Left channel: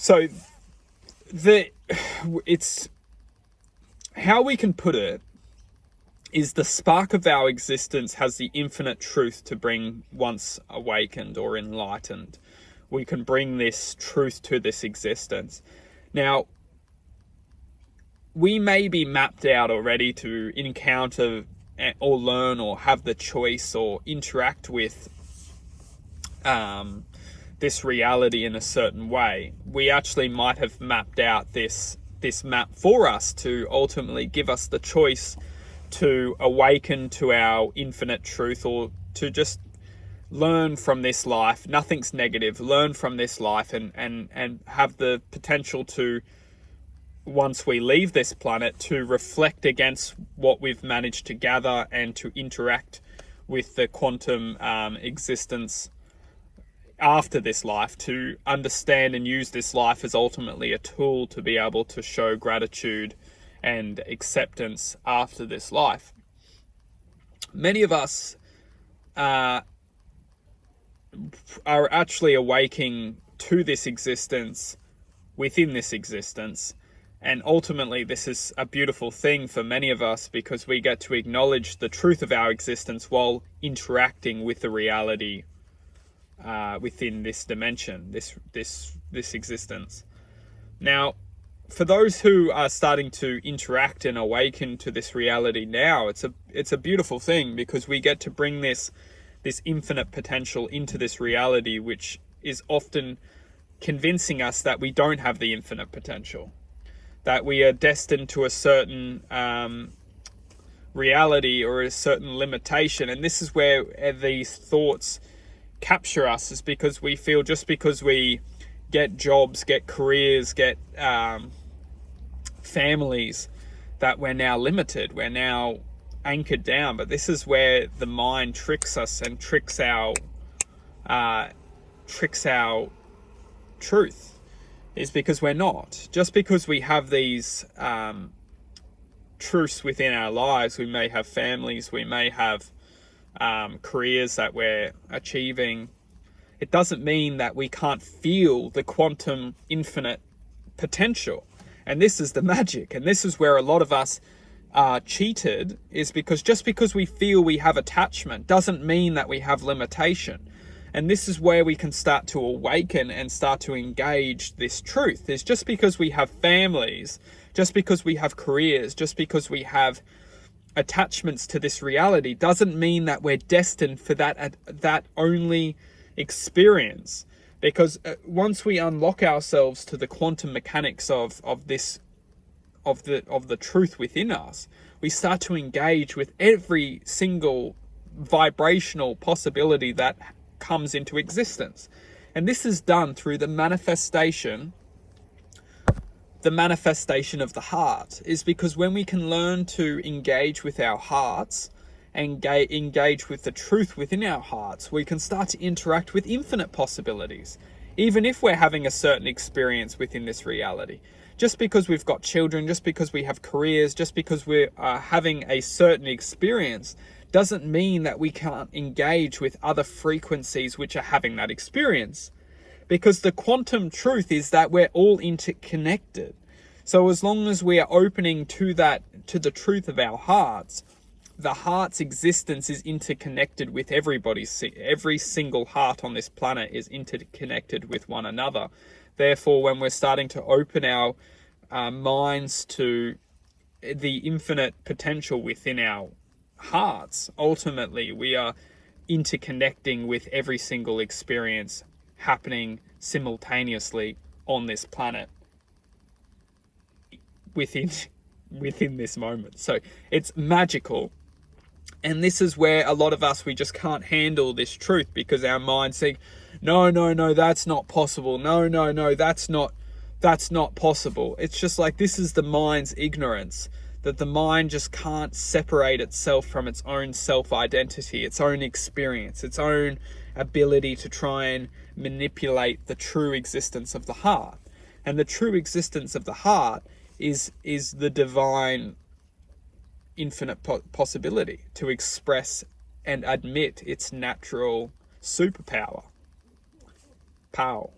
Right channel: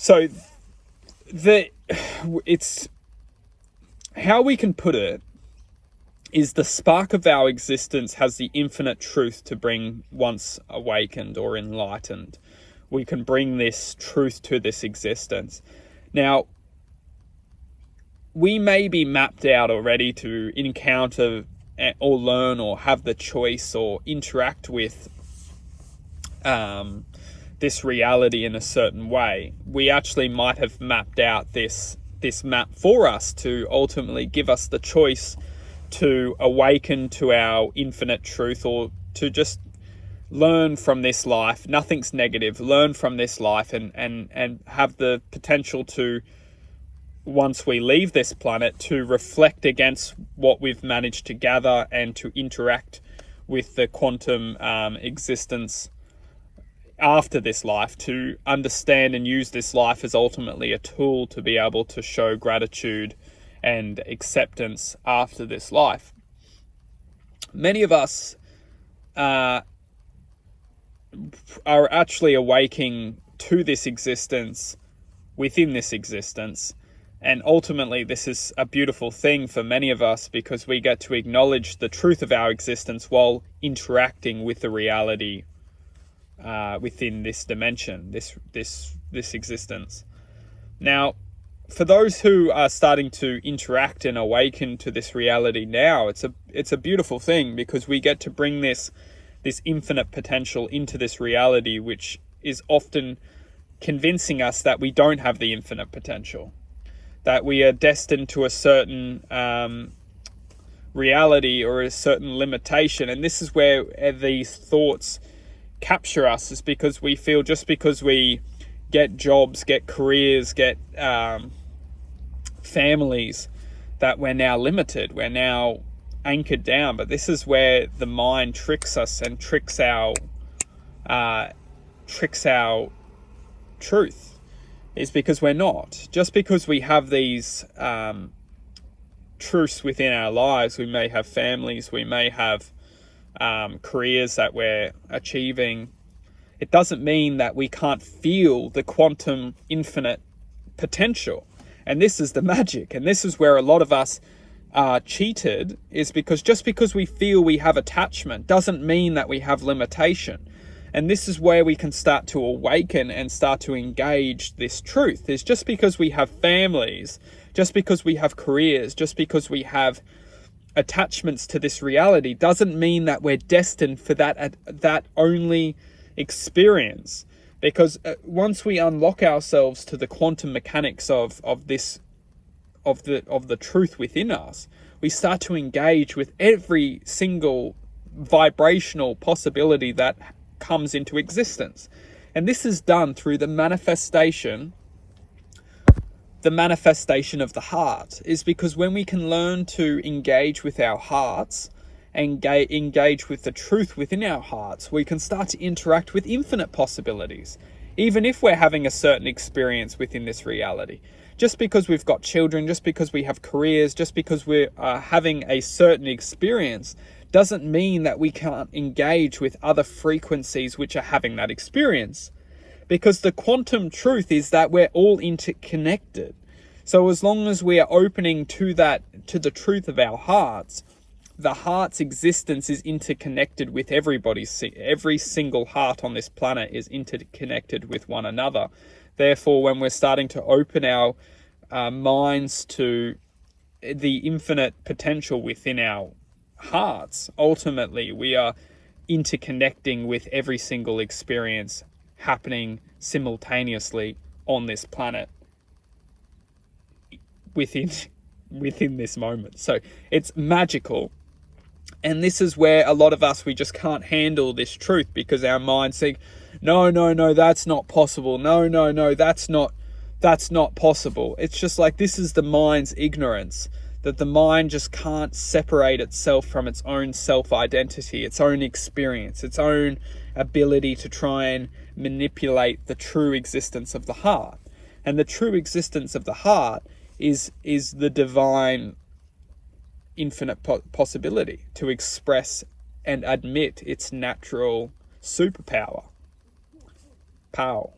So it's how we can put it is the spark of our existence has the infinite truth to bring once awakened or enlightened. We can bring this truth to this existence. Now, we may be mapped out already to encounter or learn or have the choice or interact with this reality in a certain way. We actually might have mapped out this map for us to ultimately give us the choice to awaken to our infinite truth, or to just learn from this life. Nothing's negative. Learn from this life and have the potential to, once we leave this planet, to reflect against what we've managed to gather and to interact with the quantum existence after this life, to understand and use this life as ultimately a tool to be able to show gratitude and acceptance after this life. Many of us are actually awaking to this existence within this existence. And ultimately, this is a beautiful thing for many of us, because we get to acknowledge the truth of our existence while interacting with the reality within this dimension, this existence. Now, for those who are starting to interact and awaken to this reality now, it's a beautiful thing, because we get to bring this infinite potential into this reality, which is often convincing us that we don't have the infinite potential, that we are destined to a certain reality or a certain limitation. And this is where these thoughts capture us, is because we feel just because we get jobs, get careers, get families, that we're now limited, we're now anchored down. But this is where the mind tricks us and tricks our truth, is because we're not. Just because we have these truths within our lives, we may have families, we may have careers that we're achieving, it doesn't mean that we can't feel the quantum infinite potential. And this is the magic. And this is where a lot of us are cheated, is because just because we feel we have attachment doesn't mean that we have limitation. And this is where we can start to awaken and start to engage this truth. Is just because we have families, just because we have careers, just because we have attachments to this reality doesn't mean that we're destined for that only experience. Because once we unlock ourselves to the quantum mechanics of the truth within us, we start to engage with every single vibrational possibility that comes into existence. And this is done through the manifestation of the heart. Is because when we can learn to engage with our hearts and engage with the truth within our hearts, we can start to interact with infinite possibilities, even if we're having a certain experience within this reality. Just because we've got children, just because we have careers, just because we're having a certain experience, doesn't mean that we can't engage with other frequencies which are having that experience. Because the quantum truth is that we're all interconnected. So as long as we are opening to the truth of our hearts, the heart's existence is interconnected with everybody's. Every single heart on this planet is interconnected with one another. Therefore, when we're starting to open our minds to the infinite potential within our hearts, ultimately we are interconnecting with every single experience happening simultaneously on this planet within this moment. So it's magical. And this is where a lot of us, we just can't handle this truth, because our mind's saying, no, that's not possible. No, that's not possible. It's just like, this is the mind's ignorance, that the mind just can't separate itself from its own self-identity, its own experience, its own ability to try and manipulate the true existence of the heart. And the true existence of the heart is the divine infinite possibility to express and admit its natural superpower. Power.